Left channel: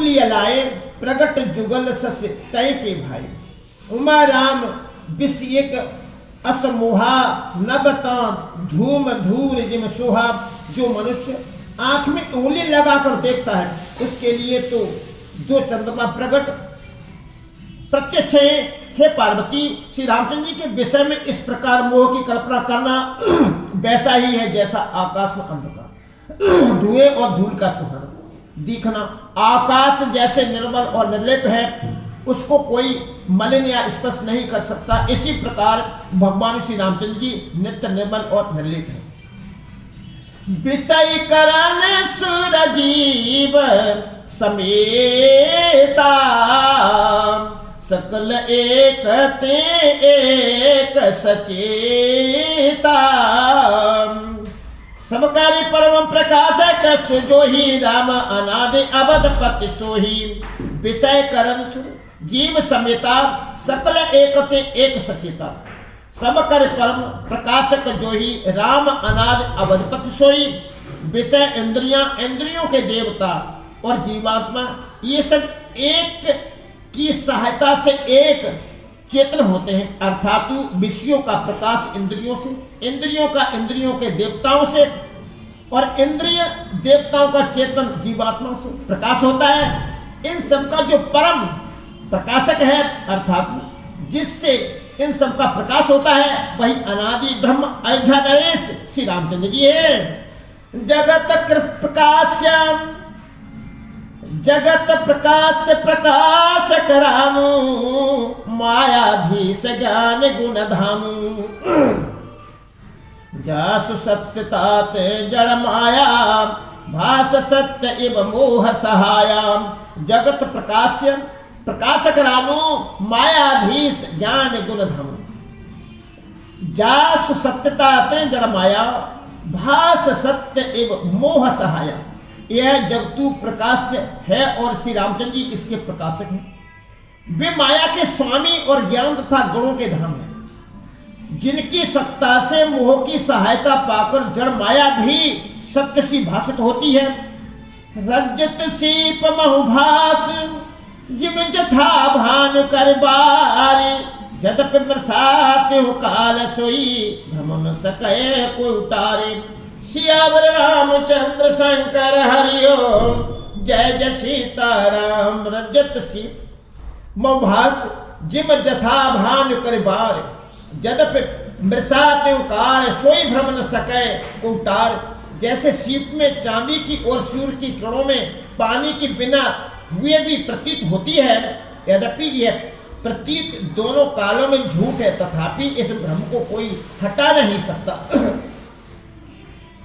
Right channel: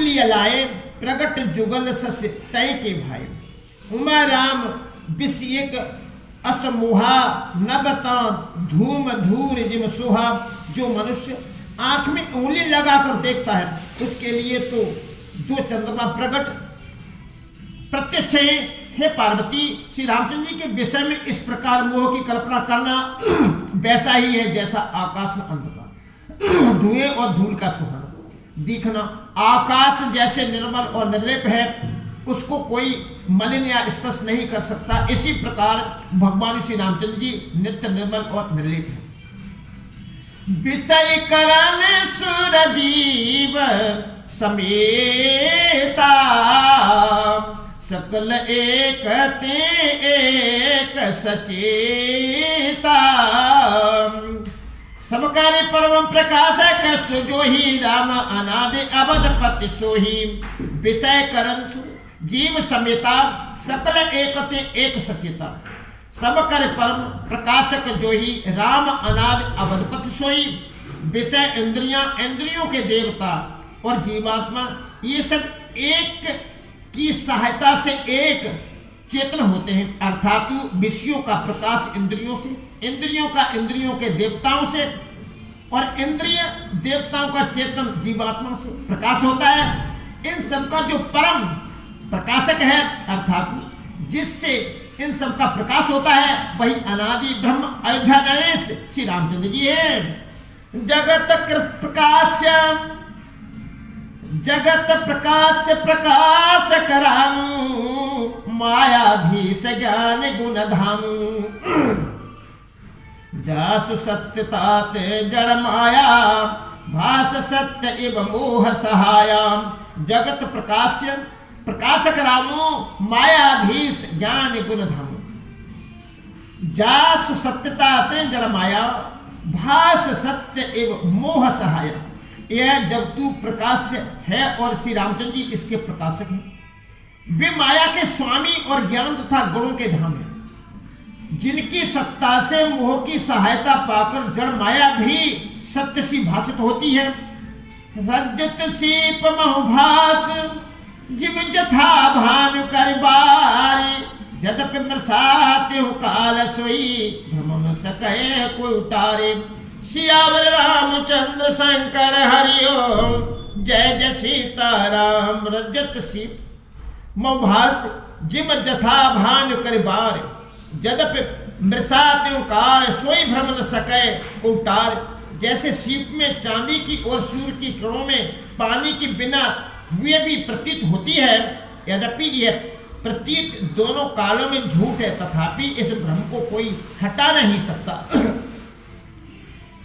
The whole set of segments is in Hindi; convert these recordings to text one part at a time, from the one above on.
लिया लाए प्रगट जुगल सस तय के भाई। उमा राम बिस एक असमोहा नबता धूम धूर जिम सोहा। जो मनुष्य आंख में उंगली लगाकर देखता है उसके लिए तो दो चंद्रमा प्रकट प्रत्यक्ष है। हे पार्वती, श्री रामचंद्र जी के विषय में इस प्रकार मोह की कल्पना करना वैसा ही है जैसा आकाश में अंधकार, धुएं और धूल का सुहाना दिखना। आकाश जैसे निर्मल और निर्लेप है, उसको कोई मलिन या स्पर्श नहीं कर सकता। इसी प्रकार भगवान श्री रामचंद्र जी नित्य निर्मल और निर्लेप है। विषय करण सुरजीव समेता, सकल एक ते एक सचेता। समकारी परम प्रकाशक जो ही राम अनादि अवधपति सोही। विषय करण जीव समेता, सकल एक ते एक सचेता। समकर परम प्रकाशक जो ही राम अनादि अवधपति सोही। विषय इंद्रियां, इंद्रियों के देवता और जीवात्मा, ये सब एक की सहायता से एक चेतन होते हैं। अर्थात विषयों का प्रकाश इंद्रियों से, इंद्रियों का इंद्रियों के देवताओं से और इंद्रिय देवताओं का चेतन जीवात्मा से प्रकाश होता है। इन सब का जो परम प्रकाशक है अर्थात जिससे इन सब का प्रकाश होता है वही अनादि ब्रह्म अयोध्या गणेश श्री रामचंद्र जी है। जगत प्रकाश्यम जगत प्रकाश प्रकाश करामु, मायाधीश ज्ञान गुण धामु। जासु सत्यतात जड़ माया, भास सत्य एव मोह सहाया। जगत प्रकाश प्रकाशक रामो, मायाधीश ज्ञान गुण धामु। जासु सत्यतात जड़ माया, भास सत्य एव मोह सहाया। यह जगतु प्रकाश है और श्री रामचंद्र जी इसके प्रकाशक हैं। वे माया के स्वामी और ज्ञान तथा गुणों के धाम हैं, जिनकी सत्ता से मोह की सहायता पाकर जड़ माया भी सत्य सी भाषित होती है। रजत सीप बहुभास जिम जथा भानु कर बारी, जदप बरसाते हो काल सोई, भ्रम सके कोई उतारे। सियावर रामचंद्र शंकर हरिओम, जय जय सीताराम। रजत सीप मोभास जिम जथा भानु कर बार, जदप मृषाते काल सोई भ्रम न सके उतार। जैसे सीप में चांदी की और सूर्य की किरणों में पानी के बिना हुए भी प्रतीत होती है, यद्यपि यह प्रतीत दोनों कालों में झूठ है, तथापि इस भ्रम को कोई हटा नहीं सकता।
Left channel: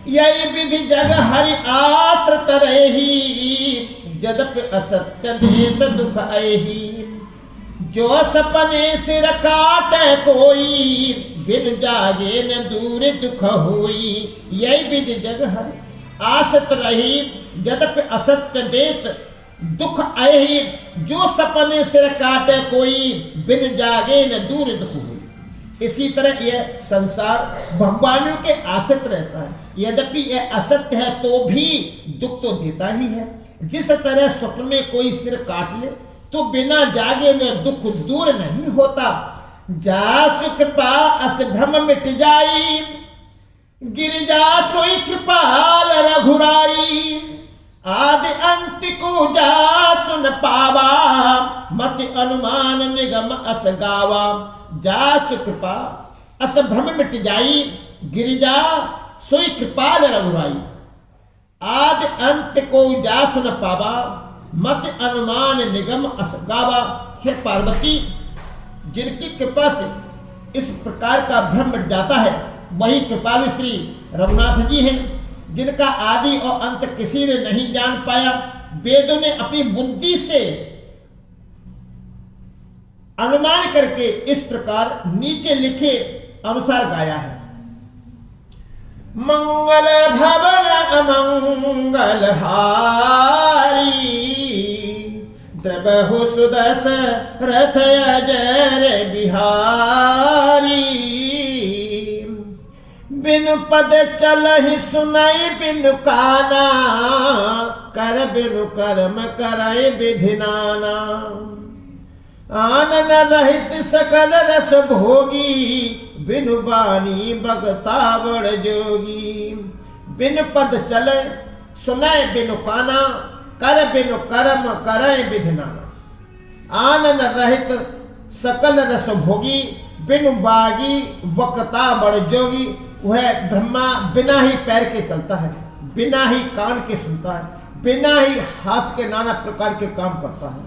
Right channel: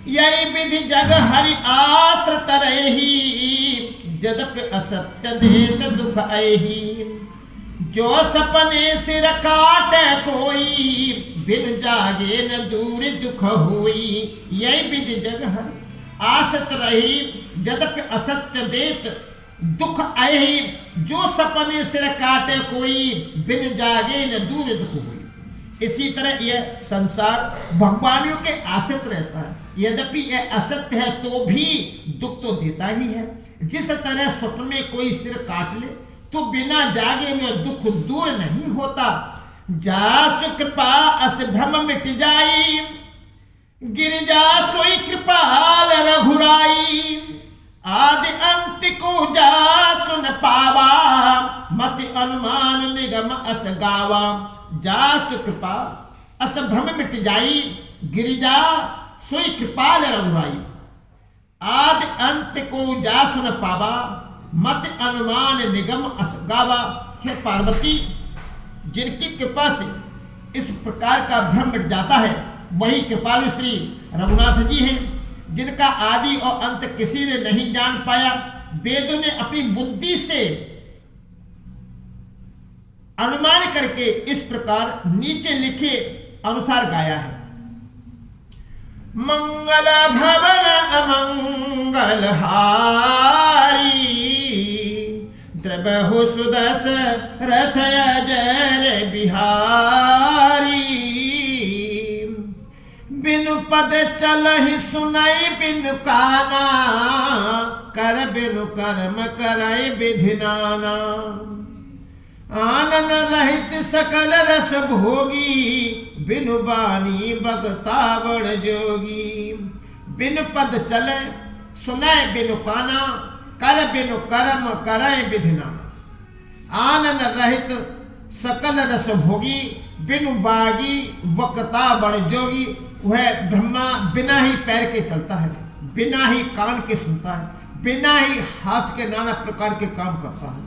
यही विधि जग हरि आश्रित रही, जदप असत्य देत दुख अहि। जो सपने सिर काटे कोई, बिन जागे न दूर दुख होई। यही विधि जग हरि आश्रित रही, जदप असत्य देत दुख अहि। जो सपने सिर काटे कोई, बिन जागे न दूर दुख होई। इसी तरह यह संसार भगवानों के आश्रित रहता है, यद्यपि यह असत्य है तो भी दुख तो देता ही है। जिस तरह स्वप्न में कोई सिर काट ले तो बिना जागे में दुख दूर नहीं होता। जासु कृपा अस भ्रम मिट जाई, गिरिजा सोई कृपाल रघुराई। आदि अंत को जासु न पावा, मति अनुमान निगम अस गावा। जासु कृपा अस भ्रम मिट जाई, गिरिजा सोई कृपाल रघुराई। आदि अंत को जासु न पावा, मत अनुमान निगम अस गावा। हे पार्वती, जिनकी कृपा से इस प्रकार का भ्रम मिट जाता है वही कृपालु श्री रघुनाथ जी हैं, जिनका आदि और अंत किसी ने नहीं जान पाया। वेदों ने अपनी बुद्धि से अनुमान करके इस प्रकार नीचे लिखे अनुसार गाया है। मंगल भवन अमंगल हारी, द्रवहु सुदस रथ अजर बिहारी। बिनु पद चलहि सुनई बिनु काना, कर बिनु कर्म कराए विधि नाना। आनन रहित सकल रस भोगी बिनु बानी बगता बड़ जोगी। बिन पद चले सुनय बिनु काना कर बिनु कर्म करय विधि नाना। आनन रहित सकल रस भोगी बिनु बागी बकता बड़ जोगी। वह ब्रह्मा बिना ही पैर के चलता है, बिना ही कान के सुनता है, बिना ही हाथ के नाना प्रकार के काम करता है,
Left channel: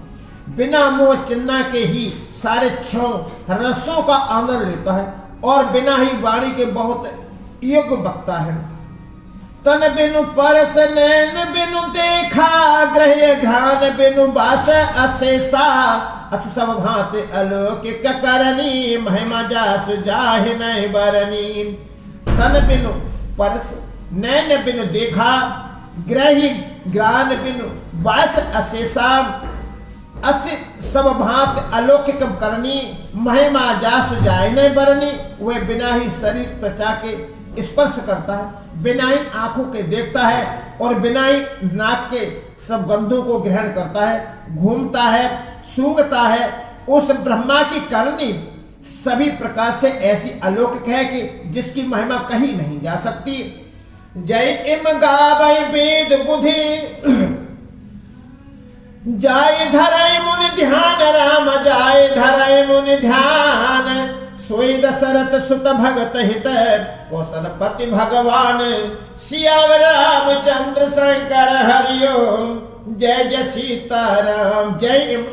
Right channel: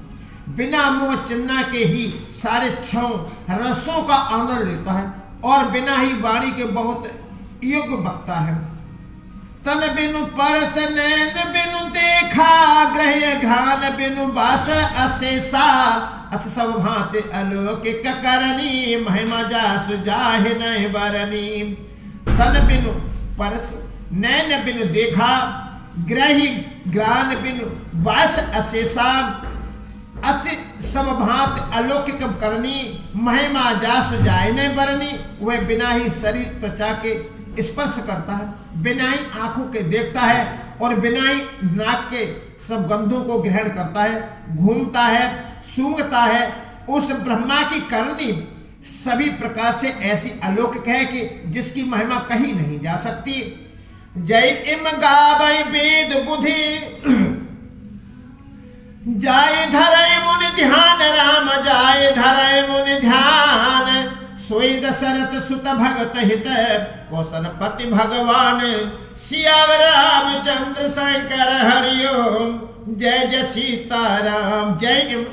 बिना मुंह चिन्ना के ही सारे छह रसों का आनंद लेता है और बिना ही वाणी के बहुत योग्य बकता है। तन बिनु परस नैन बिनु देखा ग्रह घ्राण बिनु बास अशेषा। अस सब भांति अलौकिक करनी महिमा जासु जाहि नहीं बरनी। तन बिनु परस नैन बिनु देखा ग्रही ग्रान बिनु बास अशेषा। अस सब भांति अलौकिक करनी महिमा जासु जाहि नहीं बरनी। वह बिना ही शरीर त्वचा के स्पर्श करता है, बिना ही आंखों के देखता है और बिना ही नाक के सब गंधों को ग्रहण करता है, घूमता है, सूंघता है। उस ब्रह्मा की करनी सभी प्रकार से ऐसी अलौकिक है कि जिसकी महिमा कहीं नहीं जा सकती। जय इम गावै वेद बुद्धि जाय धरय मुनि ध्यान। राम जाय धरय मुनि ध्यान। सोई दशरथ सुत भगत हित कौशलपति भगवान। सियावर रामचंद्र शंकर हरिओम जय जय सीताराम। जय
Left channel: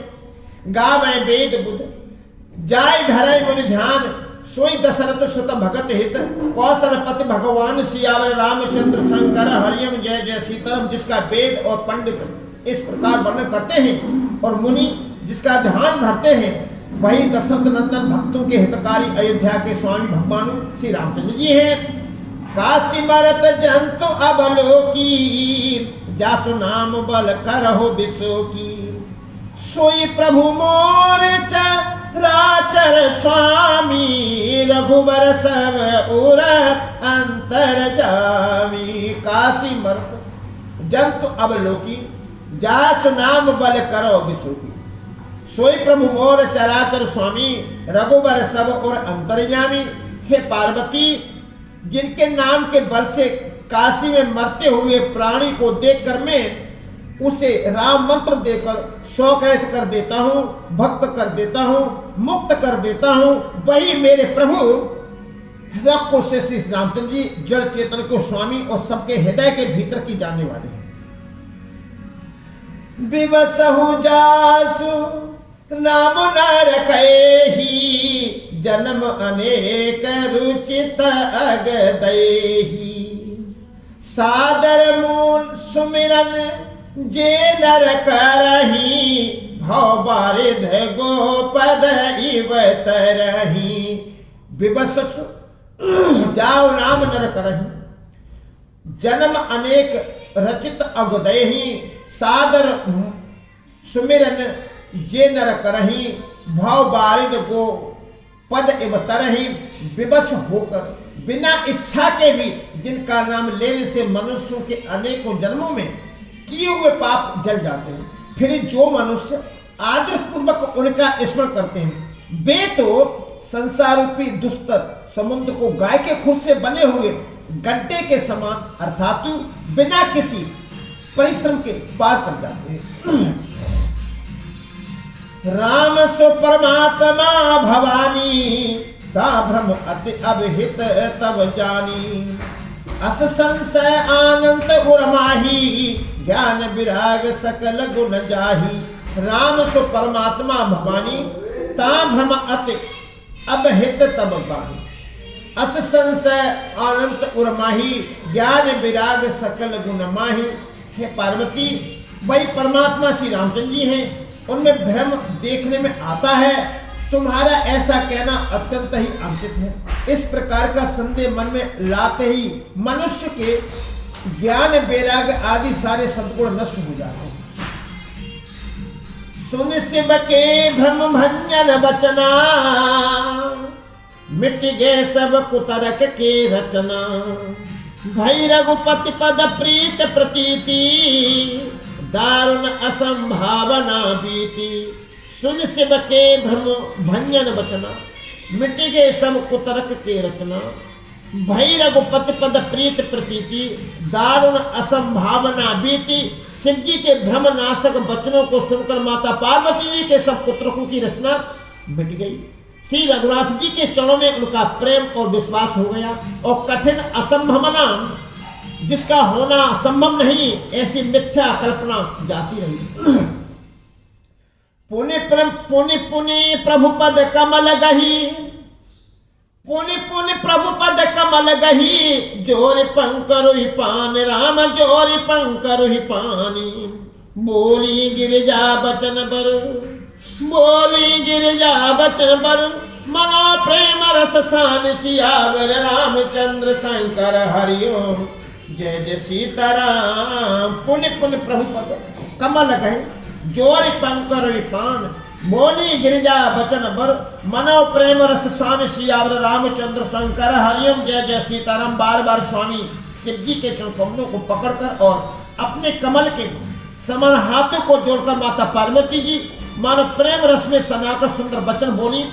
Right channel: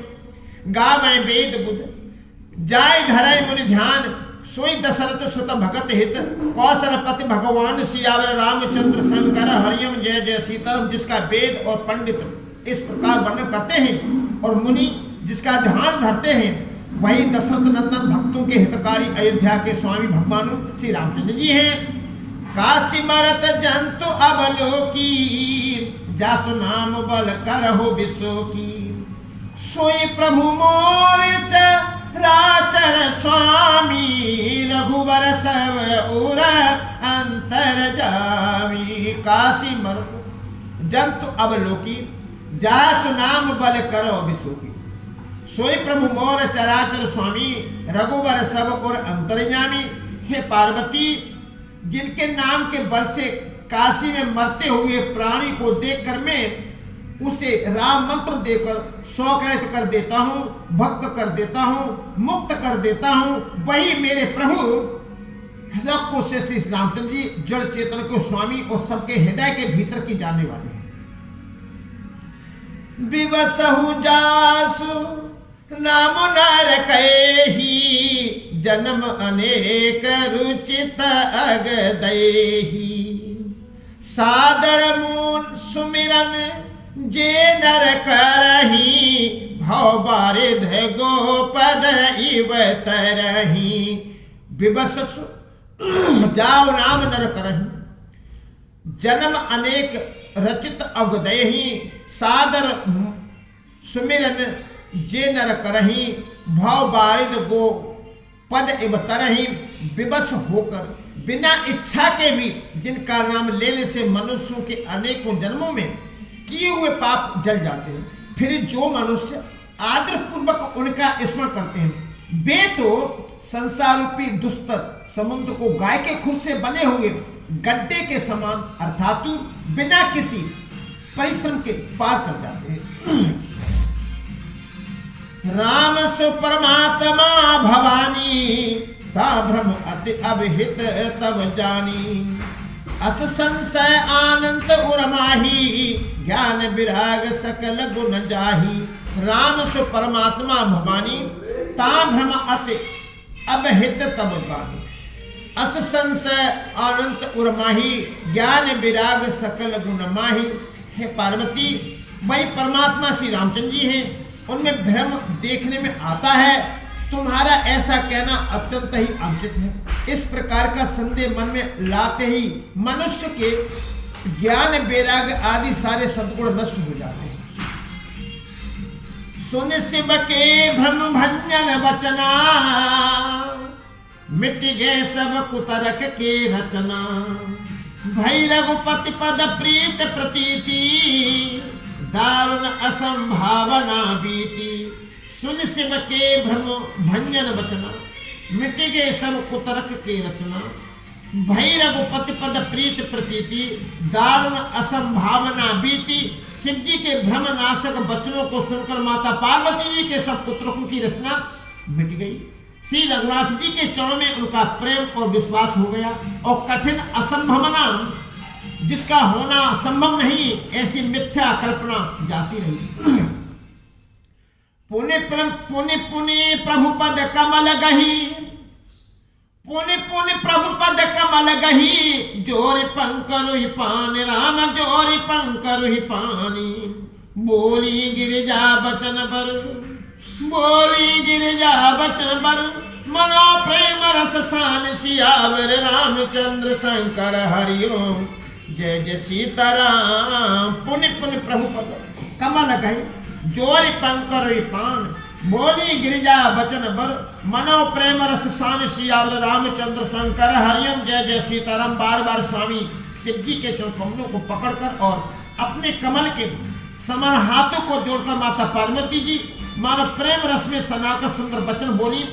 गावै वेद बुध जाय धरय मुनि ध्यान। सोई दशरथ सुत भगत हित कौशलपति भगवान। सियावर रामचंद्र शंकर हरिओम जय जय सीताराम। जिसका वेद और पंडित इस प्रकार वर्णन करते हैं और मुनि जिसका ध्यान धरते हैं, वही दशरथ नंदन भक्तों के हितकारी अयोध्या के स्वामी भगवान श्री रामचंद्र जी हैं। काशी मरत जंतु अवलोकी जासु नाम बल करहो बिसोकी। सोई प्रभु मोर चराचर स्वामी रघुबर सब उर अंतर जामी। काशी मरत जंतु अवलोकी जासु नाम बल करो बिसोकी। सोई प्रभु मोर चराचर स्वामी रघुबर सब और अंतर्यामी। हे पार्वती, जिनके नाम के बल से काशी में मरते हुए प्राणी को देखकर मैं उसे राम मंत्र देकर शौकरहित कर देता हूँ, भक्त कर देता हूँ, मुक्त कर देता हूँ, वही मेरे प्रभु रघु से श्री रामचंद्र जी जड़ चेतन के स्वामी और सबके हृदय के भीतर की जानने वाले हैं। विवसहु जासु नाम नर कहि जन्म अनेक रुचित अग देहि। सादर मूल सुमिरन जे नर करहि भव बारिध गोपद इव तरहि। विवससु जाओ नाम नर करहि जन्म अनेक रचित अग देहि। सादर सुमिरन जे नर करहि भव बारिद गो पद इव तरहि। विवश होकर बिना इच्छा के भी जिनका नाम लेने से मनुष्यों के अनेकों जन्मों में किए हुए पाप जल जाते हैं, फिर जो मनुष्य आदर पूर्वक उनका स्मरण करते हैं, वे तो संसार रूपी दुस्तर समुद्र को गाय के खुद से बने हुए गड्ढे के समान अर्थात बिना किसी परिश्रम के पार चल जाते हैं। राम सो परमात्मा भवानी ता भ्रम अति अभिहित तब जानी। अस संशय आनंद उर्माही ज्ञान विराग सकल गुण जाही। राम सो परमात्मा भवानी ता भ्रम अति अभिहित तब जानी। अस संशय आनंद उर्माही ज्ञान विराग सकल गुण माही। हे पार्वती, वही परमात्मा श्री रामचंद्र जी हैं, उनमें भ्रम देखने में आता है। तुम्हारा ऐसा कहना अत्यंत ही अनुचित है। इस प्रकार का संदेह मन में लाते ही मनुष्य के ज्ञान वैराग्य आदि सारे सद्गुण नष्ट हो जाते हैं। सुन शिव के भ्रम भंजन बचना मिट गए सब कुतरक के रचना। भई रघुपति पद प्रीत प्रतीति दारुण असंभावना बीती। सुन शिव के भ्रम भंजन बचना, मिट गए सब कुतर्क के रचना। भई रघुपति पद प्रीत प्रतीति, दारुण असंभावना बीती। शिव जी के भ्रम नाशक वचनों को सुनकर माता पार्वती जी के सब कुतर्कों की रचना मिट गई। श्री रघुनाथ जी के चरणों में उनका प्रेम और विश्वास हो गया और कठिन असंभावना, जिसका होना संभव नहीं, ऐसी मिथ्या कल्पना जाती रही। पुनि पुनि प्रभु पद कमल गही, पुनि पुनि प्रभु पद कमल गही। जोरि पंकरुहि पान राम, जोरि पंकरुहि पानी। बोली गिरिजा बचन बर, बोली गिरिजा बचन बर। मनो प्रेम रस सान सियावर, रामचंद्र शंकर हरिओम जय जय सीताराम। पुनि पुनि प्रभु पद कमल गहे, जोरि पंकरुहि पान। बोली गिरिजा बचन बर, मनो प्रेम रस सान सियावर, रामचंद्र शंकर हरिओम जय जय सीताराम। बार बार स्वामी शिव जी के चरण कमलों को पकड़कर और अपने कमल के समर हाथों को जोड़कर माता पार्वती जी मानो प्रेम रस में सनाकर सुंदर वचन बोली।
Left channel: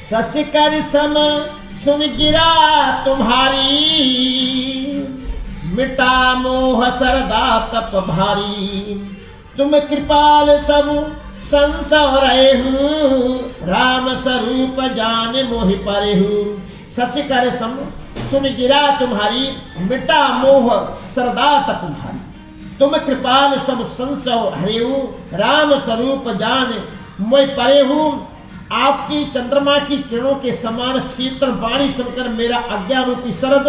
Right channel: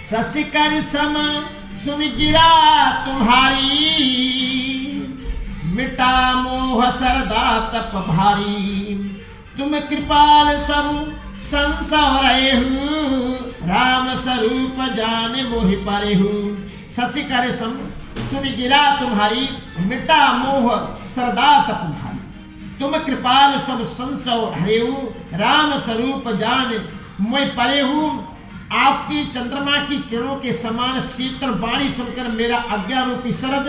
ससिकर सम सुन गिरा तुम्हारी, मिटा मोह सरदा तप भारी। तुम कृपाल सब संसव रहे हूँ, राम स्वरूप जान मोहि परे हूँ। ससिकर सम सुन गिरा तुम्हारी, मिटा मोह सरदा तप भारी। तुम कृपाल सब संसव हरेहु, राम स्वरूप जान मोहि परे हूँ। आपकी चंद्रमा की किरणों के समान शीतल वाणी सुनकर मेरा अज्ञा रूपी शरद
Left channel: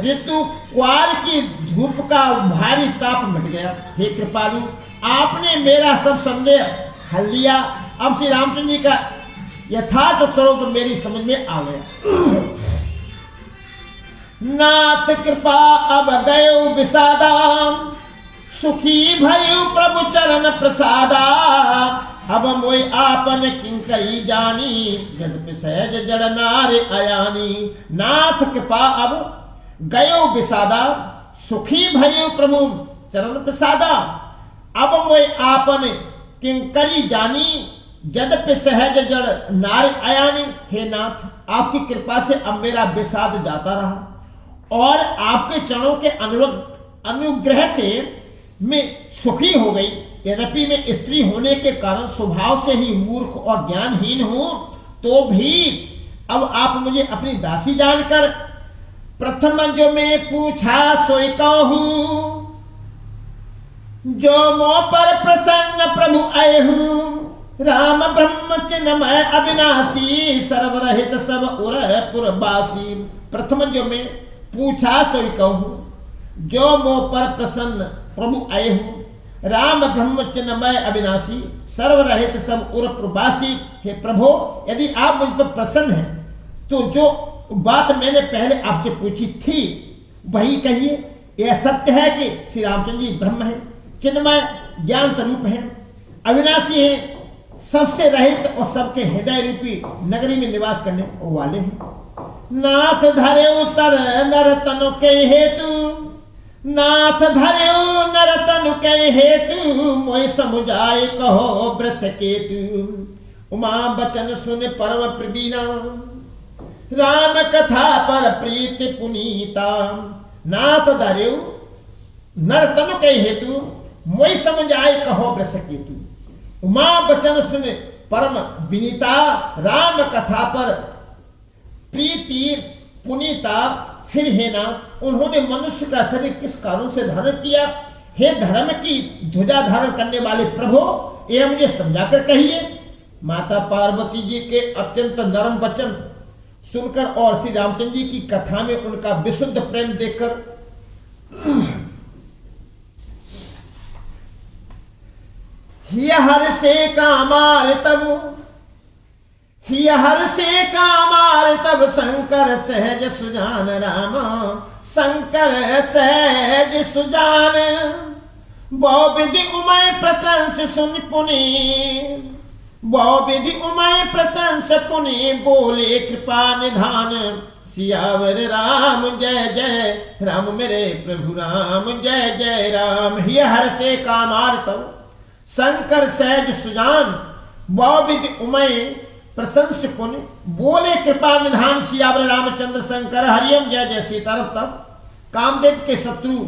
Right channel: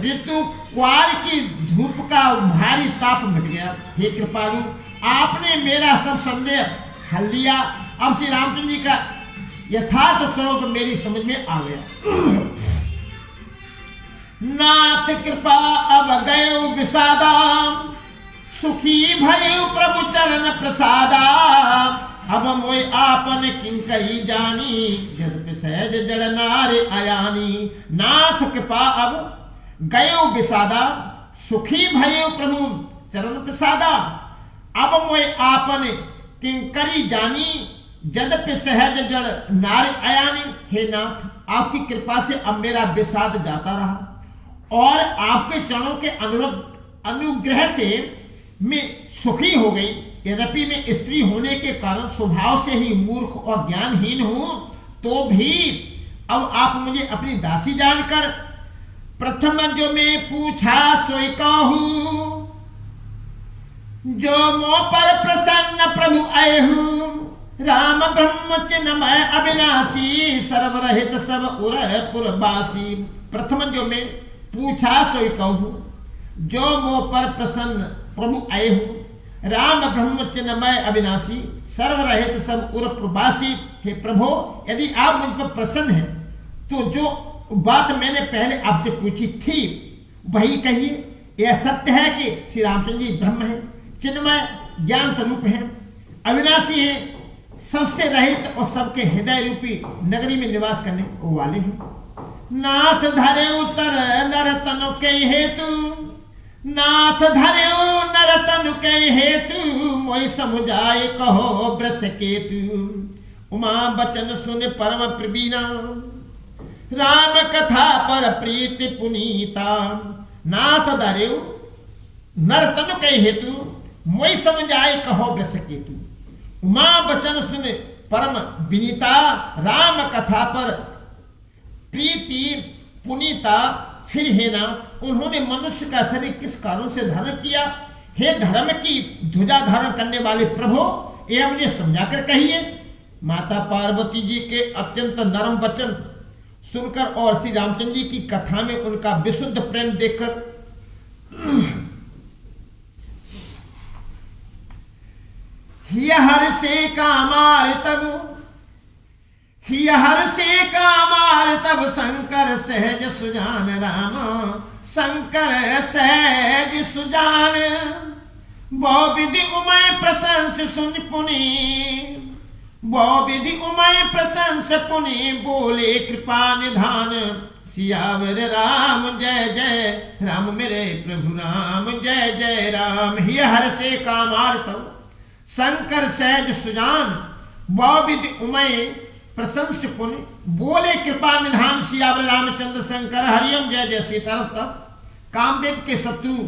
ऋतु क्वार की धूप का भारी ताप मिट गया। हे कृपालु, आपने मेरा सब संदेह हल लिया। अब श्री रामचंद्र जी का यथार्थ स्वरूप मेरी समझ में आ गया। नाथ कृपा अब गयो विषादा, सुखी भयो प्रभु चरण प्रसादा। अब मोय आपन किंकरी जानी, जद सहज जड़ नारे अयानी। नाथ कृपा अब गयो विषादा, सुखी भयो प्रभु चरण प्रसादा। अब मोय आपन किंकरी जानी, जदपि सहज जड़ नारे अयानी। हे नाथ, आपकी कृपा से अब मेरा विषाद जाता रहा और आपके चरणों के अनुग्रह से मैं सुखी हो गई। यद्यपि मैं स्त्री होने के कारण स्वभाव से ही मूर्ख और ज्ञानहीन हूं, तो भी अब आप मुझे अपनी दासी जानकर प्रथम जो मैं पूछा सोई कहूं। जो मोह पर प्रसन्न प्रभु आए हूं, राम ब्रह्म चिन्मय अविनाशी। सर्वरहित सब उरह पुरवासी। प्रथम जो मैं पूछा सोई कहूं, जो मोह पर प्रसन्न प्रभु आए हूं, राम ब्रह्म चिन्मय अविनाशी। सर्वरहित सब उर प्रवासी। हे प्रभु, यदि आप मुझ पर प्रसन्न हैं तो जो बात मैंने पहले आपसे पूछी थी वही कहिए। यह सत्य है कि श्री रामचंद्र जी ब्रह्म है, चिन्मय ज्ञान स्वरूप है, अविनाशी है, सबसे रहित और सबके हृदय रूपी नगरी में निवास करने वाले हैं। नाथ धरे उतर नर तनु के हेतु, नाथ धर्यो नर तनु के हेतु। मोहि समुझाए कहो वृष केतु। उमा बचन सुन परम प्रवीणा, राम कथा पर प्रीति पुनीता। नाथ धर्यो नर तनु के हेतु, मोहि समुझाए कहो वृष केतु। उमा बचन सुन परम विनीता, राम कथा पर प्रीति पुनीता। फिर हे नाथ, उन्होंने मनुष्य का शरीर किस कारण से धारण किया? हे धर्म की ध्वजा धारण करने वाले प्रभु, यह मुझे समझाकर कहिए। माता पार्वती जी के अत्यंत नरम वचन सुनकर और श्री रामचंद्र जी की कथा में उनका विशुद्ध प्रेम देखकर हर से कामार तब, हर से कामार तब। शंकर सहज सुजान राम, शंकर सहज सुजान। बहु विधि उमय प्रशंस सुन पुनि, बहु विधि उमय प्रशंस पुनि। बोले कृपा निधान सियावर राम जय जय राम, मेरे प्रभु राम जय जय राम। हिय हर से कामार्तौ शंकर सहज सुजान, बौविद उमय प्रशंस पुनि, बोले कृपा निधान सियावर रामचंद्र शंकर, हरियम जय जय सीतारम। तब कामदेव के शत्रु